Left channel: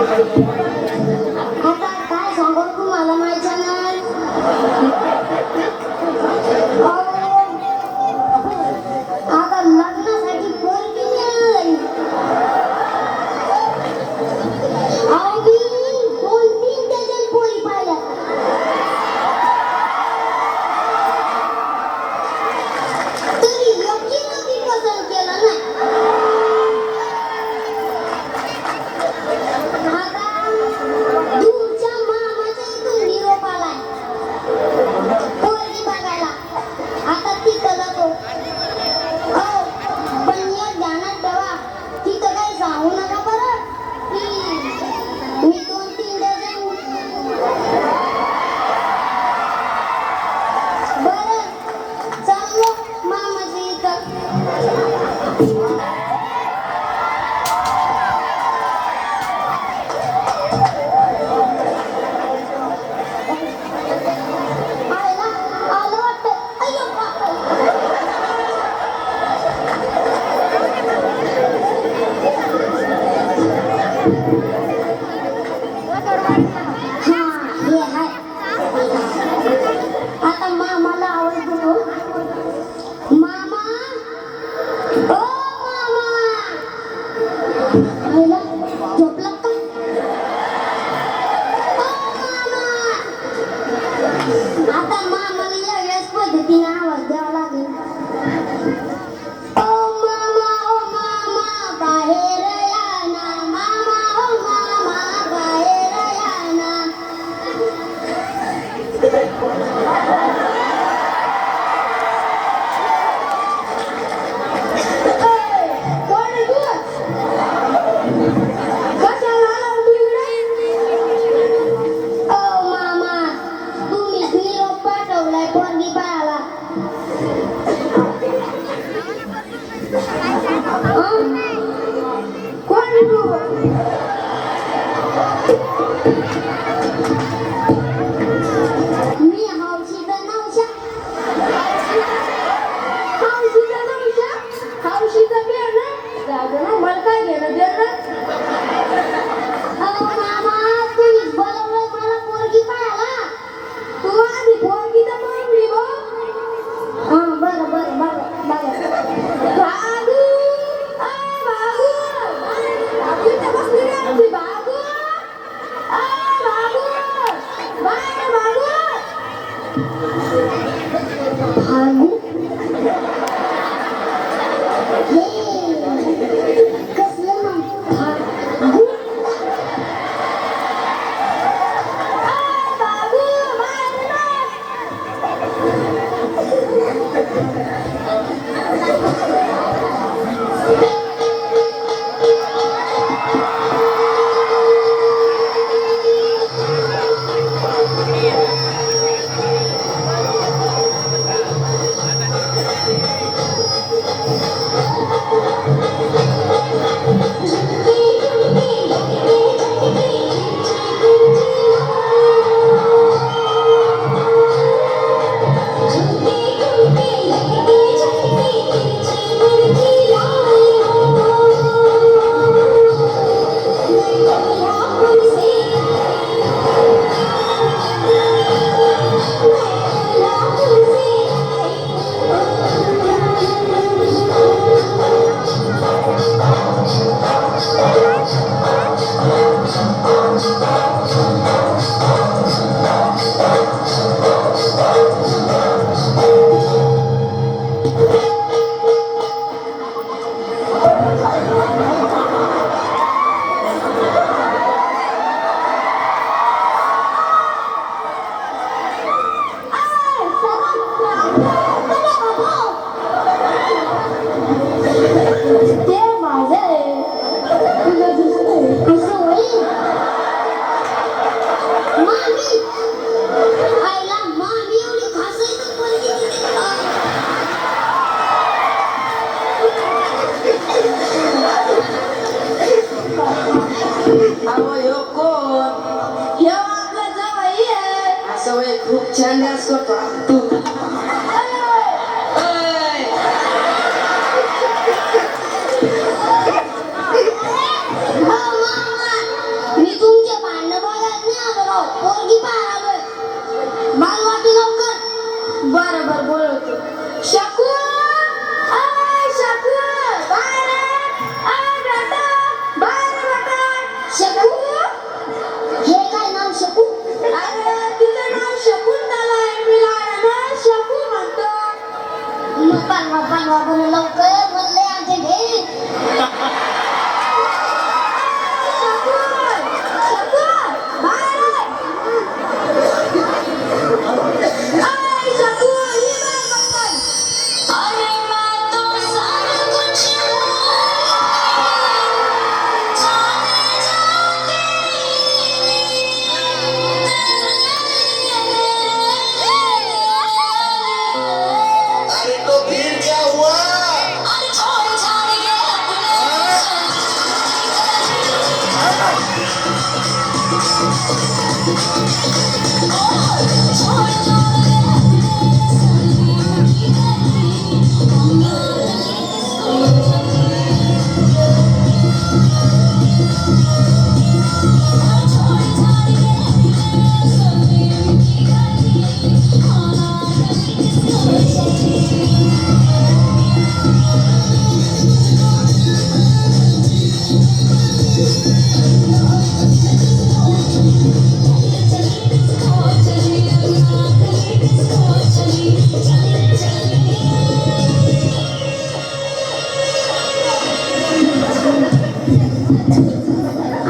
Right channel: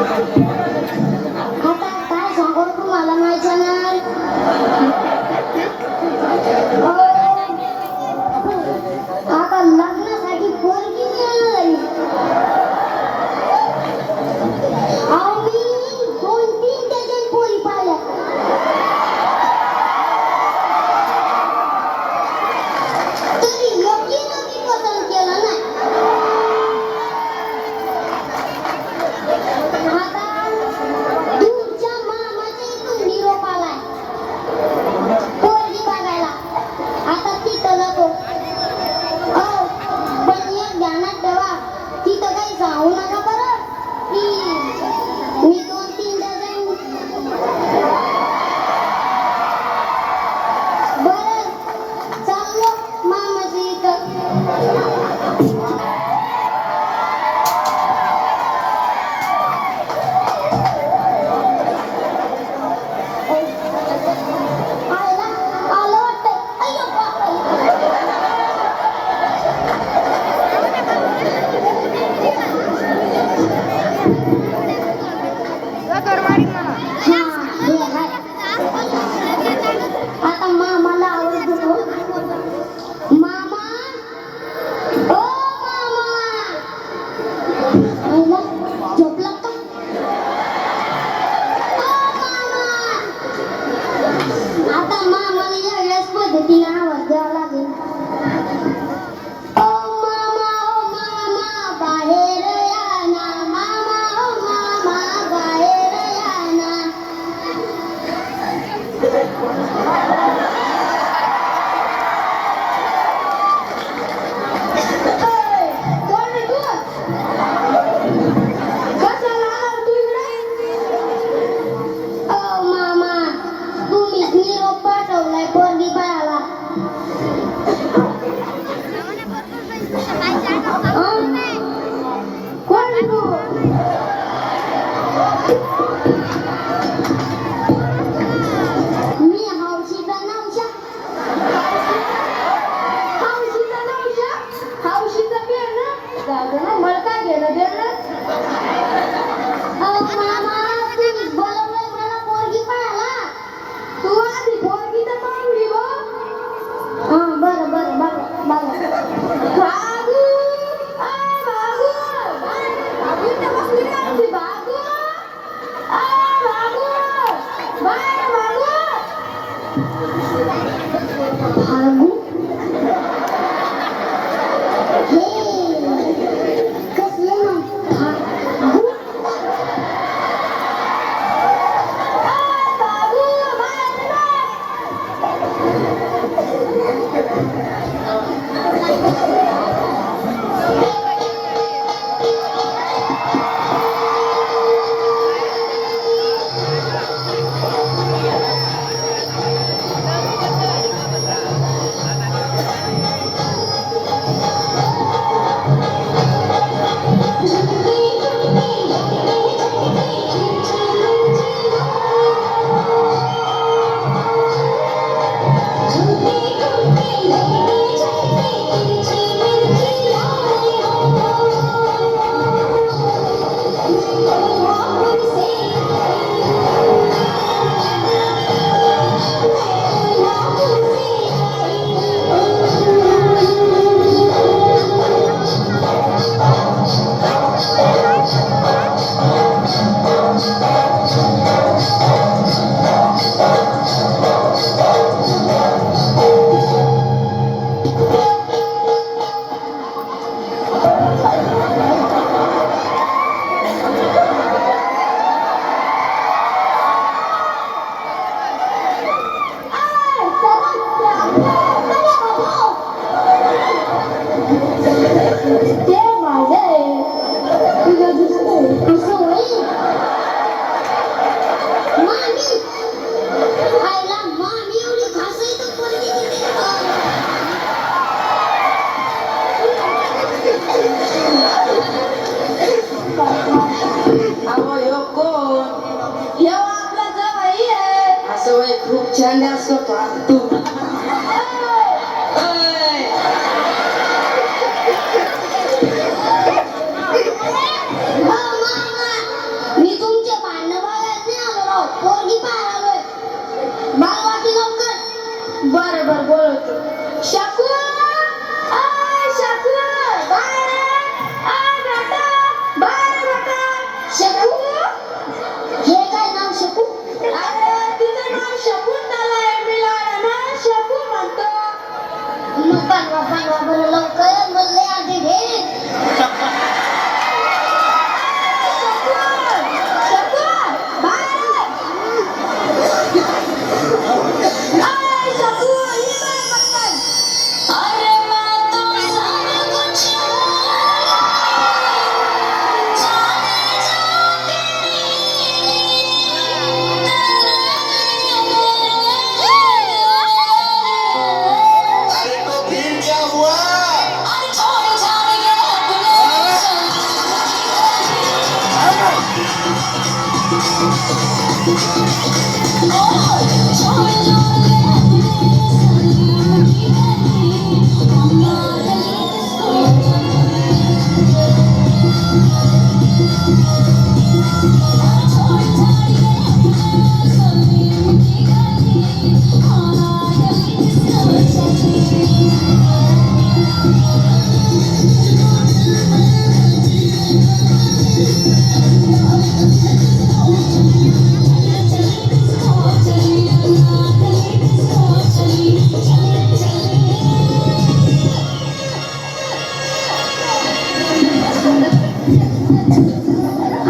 आता काय सांगू तुम्हाला माहिती ना आता लग्नासाठी पोरगी मिळाली अहो मी 2-3 डझन पोरी पाहिल्या तरी एकटीनं मी पसंत केलं नाही आता दूरच्या मामाच्या इथून निरोप आलाय पोरगी बघायला आता तिथं जातो हो पण एक ध्यानात ठेवा तिथं काही सांगू नका बरं की मी 2-3 डझन बरं चाललो मामाच्या इथं आयला आलं वाटतं अय्यो आता मामाला आवाज देतो मामा ओ मामा आयला झोपला का आता मामाला वेगळ्याच पद्धतीने आवाज द्यावा लागेल ओ मामा बाहेर या ना मामा ओ मामा बाहेर या ना कोण आहे तू कशाला आला तू इकडे ओ मामा तुम्हीच निरोप पाठवलाय पोरगी पाहायला कोण आहे तू मी हौशीचा नवशा हौशीचा नवशा हौशीचा बेर ना जाऊ दे ना मला काय घेणं देणं मामा तुम्हीच बोलवलं मला पोरगी पाहायला तू आधी पोरगी तर पाहून घे गो बरं बरं बरं बरं बाबू बाबू इथं बसली रे आमची बाबू बाबू बाय बाबू हे कसलं नाव बाबू मी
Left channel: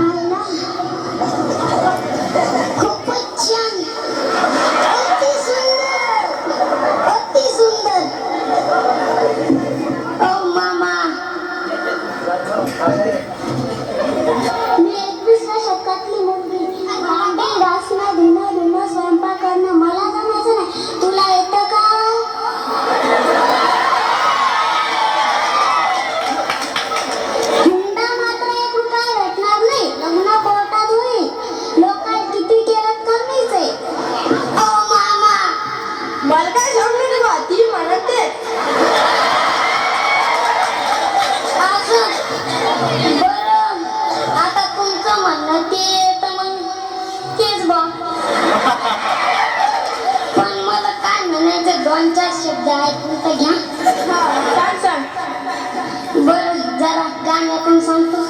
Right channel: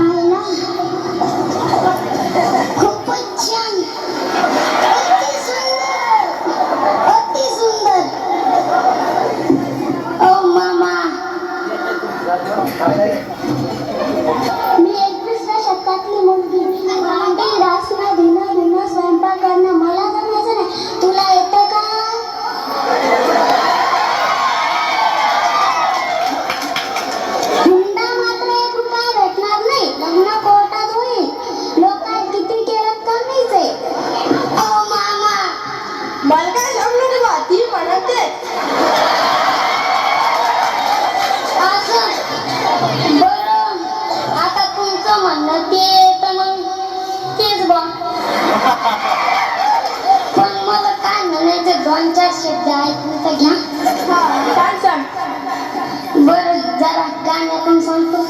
आईला खूपच छान. अति सुंदर, अति सुंदर. ओ मामा, मी 21व्या शतकातली मुलगी. भांडी घासणं, धुणं, स्वयंपाक करणं मला जमायचं नाही. तुला येतं का? हुंडा मात्र 1 रुपया भेटणार नाही. लग्न कोर्टात होईल. लोकांनी किती केलं कमीच आहे. ओ मामा, मला काय सांगू नको ती म्हणते असं बरं. आता तुमचं म्हणणं ते तर मग तेच बा. पण मला काय म्हणायचं 2-4 शब्द ऐकून तर घ्या. सांग सांग बरं, जरा गाण्यातून सांगतो.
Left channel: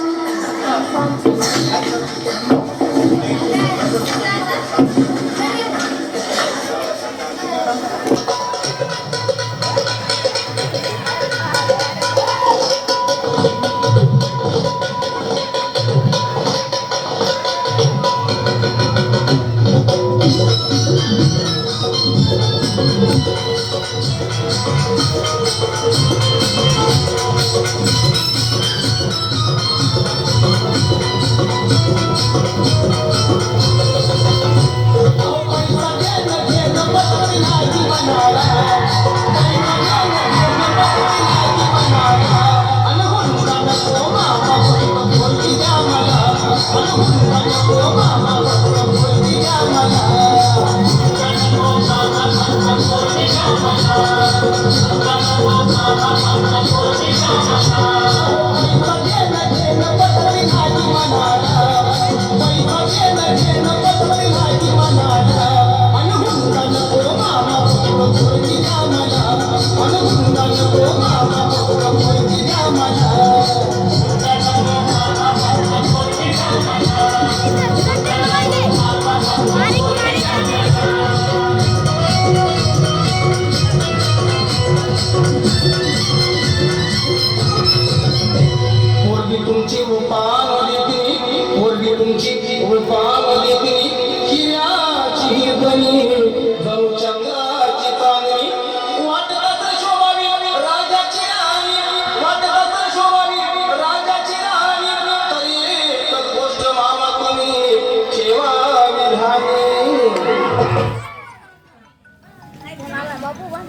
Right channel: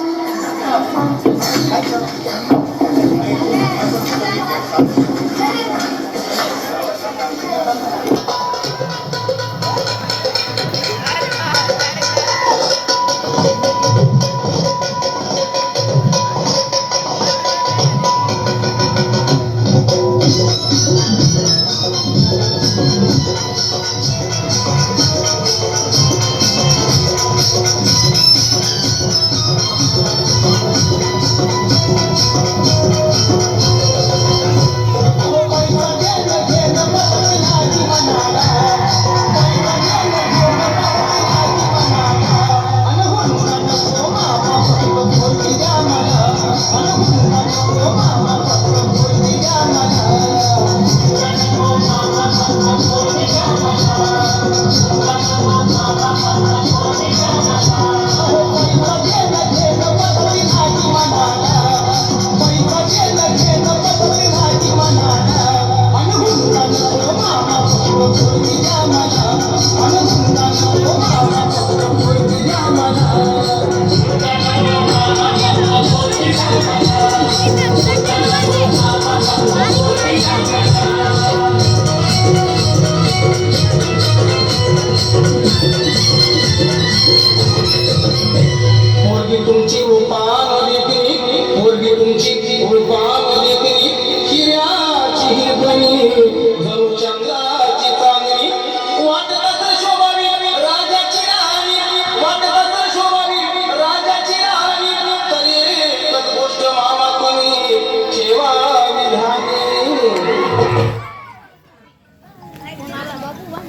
पोरगी तुमची रूपामध्ये पोरगी तुमची रूपामध्ये हिऱ्याची हिरकणी